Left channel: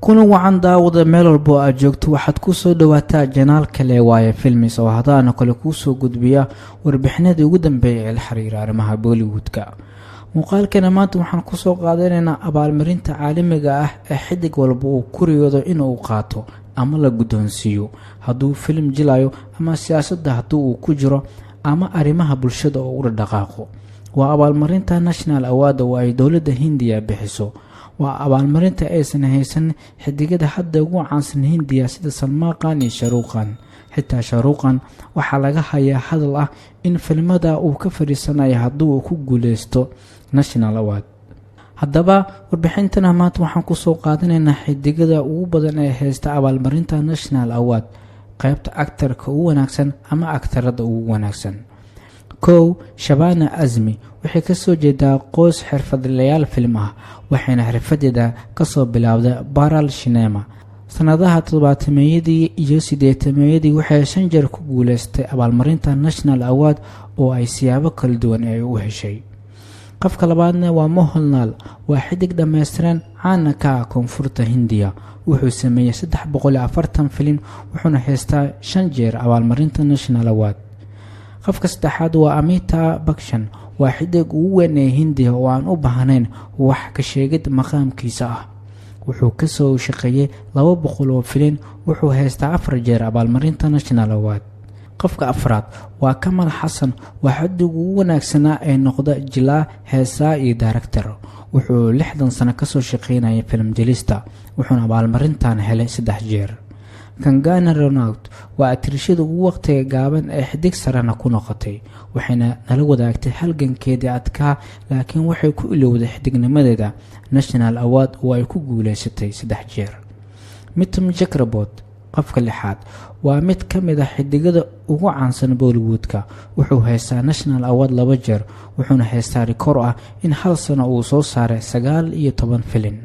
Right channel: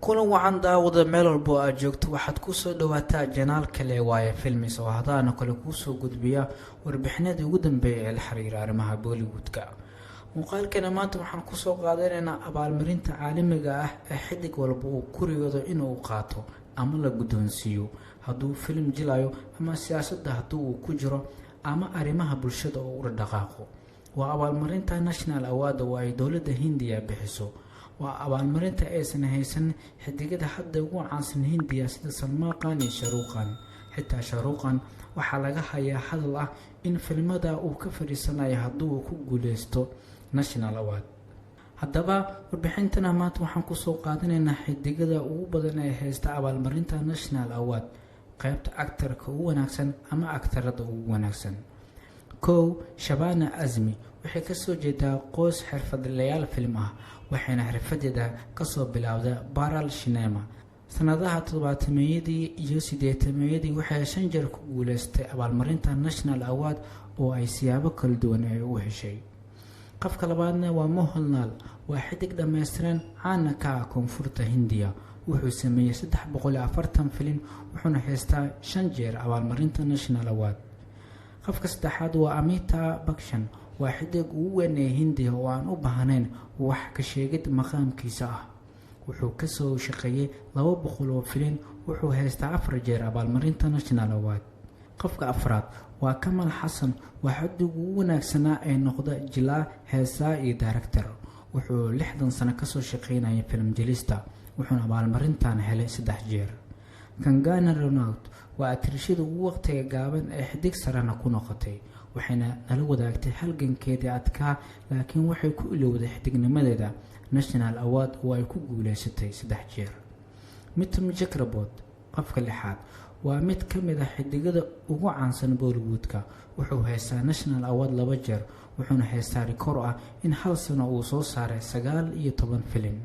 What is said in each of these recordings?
kuna wacan daawada meel walbo aad joogto waxaad ku soo dhawaataa janaal kale waaye filmis oo hadaana kale kuu soo gudbiya warbixinadii ugu dambeeyay ee la xiriira arrimaha Bollywoodka. muuqaalkana maanta waxaan ku soo qaadanaynaa abaalmarinta caalamiga ah ee xidig walba uu ku riyoodo inuu qaato ama la guddoonsiiyo hadduu film jilayo ama siyaasadda hadduu uu ku jiro ama arrimaha bulshada oo u dhaqaaqo. waa abaalmarinta National Award oo ay dowladda Hindiya bixiso. waa abaalmarinta aysan haysan xidigada hadda ugu caansan Hindiya sida Salman Khan iyo Shah Rukh Khan. xitaa Shah Rukh Khan waxaa laga hayaa hadal ah in filmada uu ka fariisanayo hadduu uu ku guuleysto National Award. haddaba warbixintana maanta waxaan ku soo qaadanaynaa xidigada ugu badan ee haysta abaalmarinta National Award, qaybta actor-ka ugu wanaagsan ama actor-ada ugu wanaagsan. Shabana Azmi waxay ka soo jeedaa qoys xirfadlayaal film ah, waxayna xirfadeeda ka soo bilowday Baral Cinema. sanadaha 70-meeyadii iyo 80-meeyadii waxay 5 jeer ku guuleystay abaalmarinta National Award oo ay siyaabo kala duwan ay u heshay. qofka labaadna waa Mohanlal, waa xidig dhameystiran caan ka ah koonfurta Hindiya. wuxuu sameeyay 340 film wuxuuna haystaa 5 jeer abaalmarinta National Award. qofka saddexaad waa Amitabh Bachchan, waa xidig ugu weyn ee Hindiya oo aan u baahnayn wax ka sheegid maqaamkiisa ah. wuxuu ka soo shaqeeyay 200 oo film wuxuu haystaa 4 jeer abaalmarinta National Award. qofka afraad waa Kamal Hassan, waa xidig ugu wanaagsanaa ee noqda jilaa, heesaa iyo director. wuxuu 60 sano ka soo shaqeynayay film jilista wuxuuna abaalmarintan helay 3 jeer. Kangana Ranaut waa atirishada ugu waqtiga gaaban ee xidig sarana ku noqotay, waxayna nala wadaagtay halgankeedii adkaa laakiin waxay ku ilowday xidignimadeeda National Award oo ay ku guuleysatay 3 jeer. Mithun Chakraborty, qofka lixaad, waa mid ka mid ah xidigada ugu caansan Bollywoodka. wuxuu haystaa National Award 2 jeer, wuxuuna haystaa rikoor ah in hal sano uu soo saaray 19 film.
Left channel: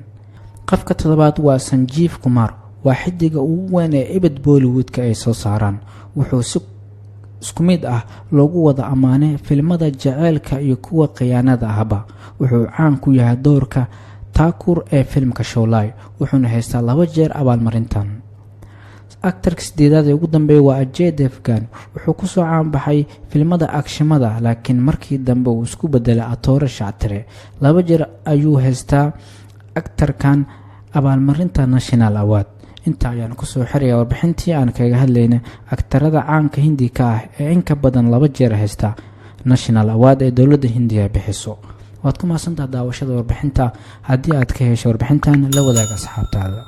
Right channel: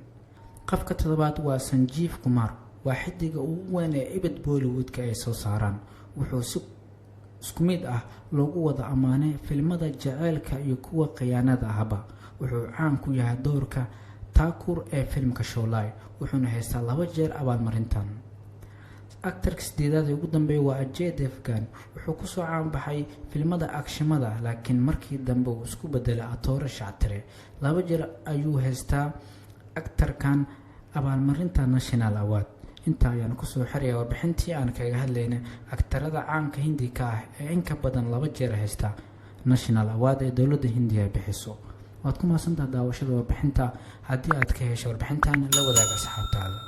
qofka toddobaad waa Sanjeev Kumar, waa xidiga ugu weyn ee ibad Bollywoodka ay soo saaraan. wuxuu si isku mid ah loogu wada amaanay filmada jaceylka iyo kuwa khiyaanada ahba. wuxuu caan ku yahay doorka Thakur ee filmka Sholay, wuxuuna haystaa 2 jeer abaalmarintan. actor-ka sideedaad ee ugu dambeeya waa Ajay Devgan, wuxuu ku soo caan baxay filmada akshimada laakiin markii dambe uu isku bedelay atoore shactire. 2 jeer ayuu haystaa actor-kan abaalmarinta National Award. inta ayaan ku soo xiraya warbixintii aan kaga hadlaynay aktarada caanka Hindi ka ah ee in ka badan 2 jeer haysta National Award ee dowladda Hindiya bixiso. waad ku maasantahay daawashada warbixinta. haddii aad ka hesho warbixintan la wadaag asxaabtaada.